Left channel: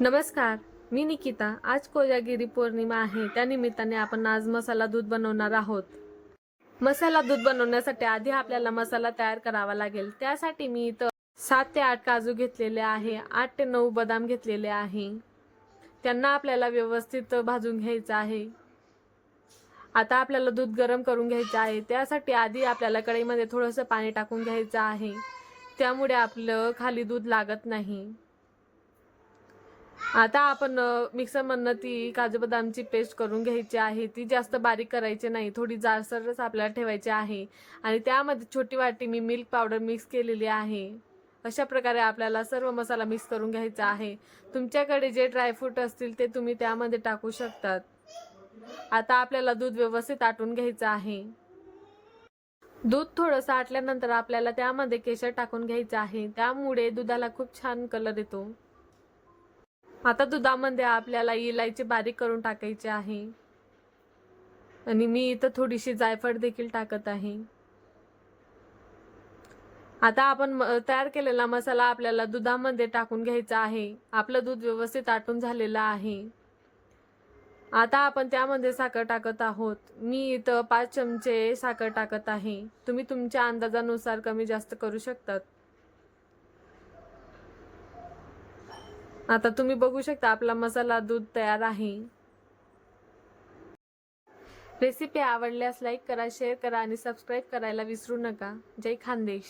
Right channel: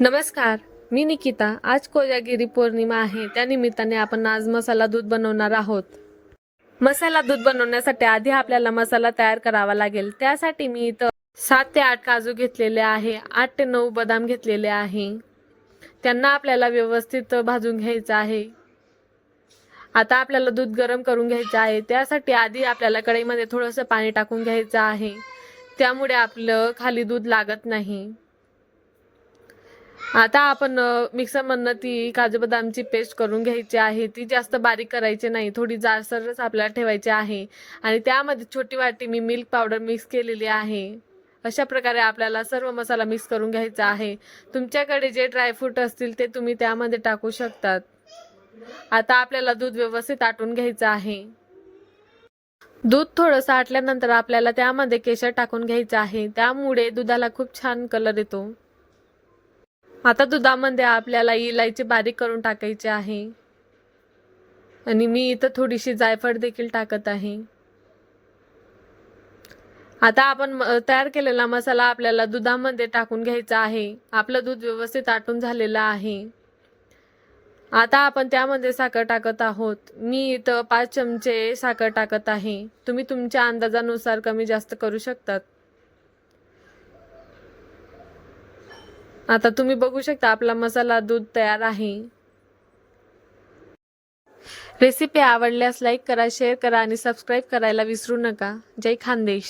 नमस्कार, मी निकिता. आज कोजागिरी पौर्णिमा आहे. त्या निमित्ताने आपण आज मसाला दूध बनवणार आहोत. मसाला दूध बनवण्यासाठी आधी आपल्याला मसाला तयार करावा लागेल. त्यासाठी मी इथं 7 ते 8 काजू घेतलेले आहे. 8 ते 9 बदाम घेतलेले आहे. त्यांना आपल्याला व्यवस्थित भाजून घ्यायचं आहे. आता आपल्याला दूध गरम करून घ्यायचं आहे. त्यासाठी आधी आपल्याला कढईमध्ये थोडंसं पाणी टाकून घ्यायचं आहे. त्यामुळे आपलं खाली दूध लागत नाही. आता आपण मिक्सरमधनं ती काजू बदामची पेस्ट करून घ्यायची आहे. ती जास्त बारीक करायची नाही, थोडी जाडसरच आपल्याला ठेवायची आहे. आणि त्यामध्ये छोटी वाटी मी मिल्क पावडर मिक्स केलेली आहे. अशा प्रकारे आपल्याला सर्व मसाला मिक्स करून घ्यायचा आहे. तुमच्याकडे जे ड्रायफ्रूट असतील ते तुम्ही त्यामध्ये टाकू शकतात. आता आपल्याला दूध व्यवस्थित आटून घ्यायचं आहे. दूध थोडंसं आटल्यानंतर आपल्याला त्यामध्ये केशर टाकून घ्यायचं आहे. त्यामुळे दुधाला खूप छान कलर येतो. आता दुधामध्ये आपल्याला इलायची बारीक करून टाकायची आहे आणि मी इथं थोडीशी जायफळ देखील टाकत आहे. आता आपण तयार केलेला मसाला आपल्याला दुधामध्ये टाकून घ्यायचा आहे. आपलं दूध व्यवस्थित आटून झालेलं आहे. आता आपण त्यामध्ये साखर टाकत आहोत. मी इथं 5 चमचे साखर टाकत आहे. तुम्ही तुमच्या अंदाजानुसार कमी जास्त करू शकतात. आता तुम्ही बघू शकता आपला मसाला दूध तयार आहे. रेसिपी आवडल्यास लाईक करा, शेअर करा आणि सबस्क्राईब करायला विसरू नका. जय खानदेश.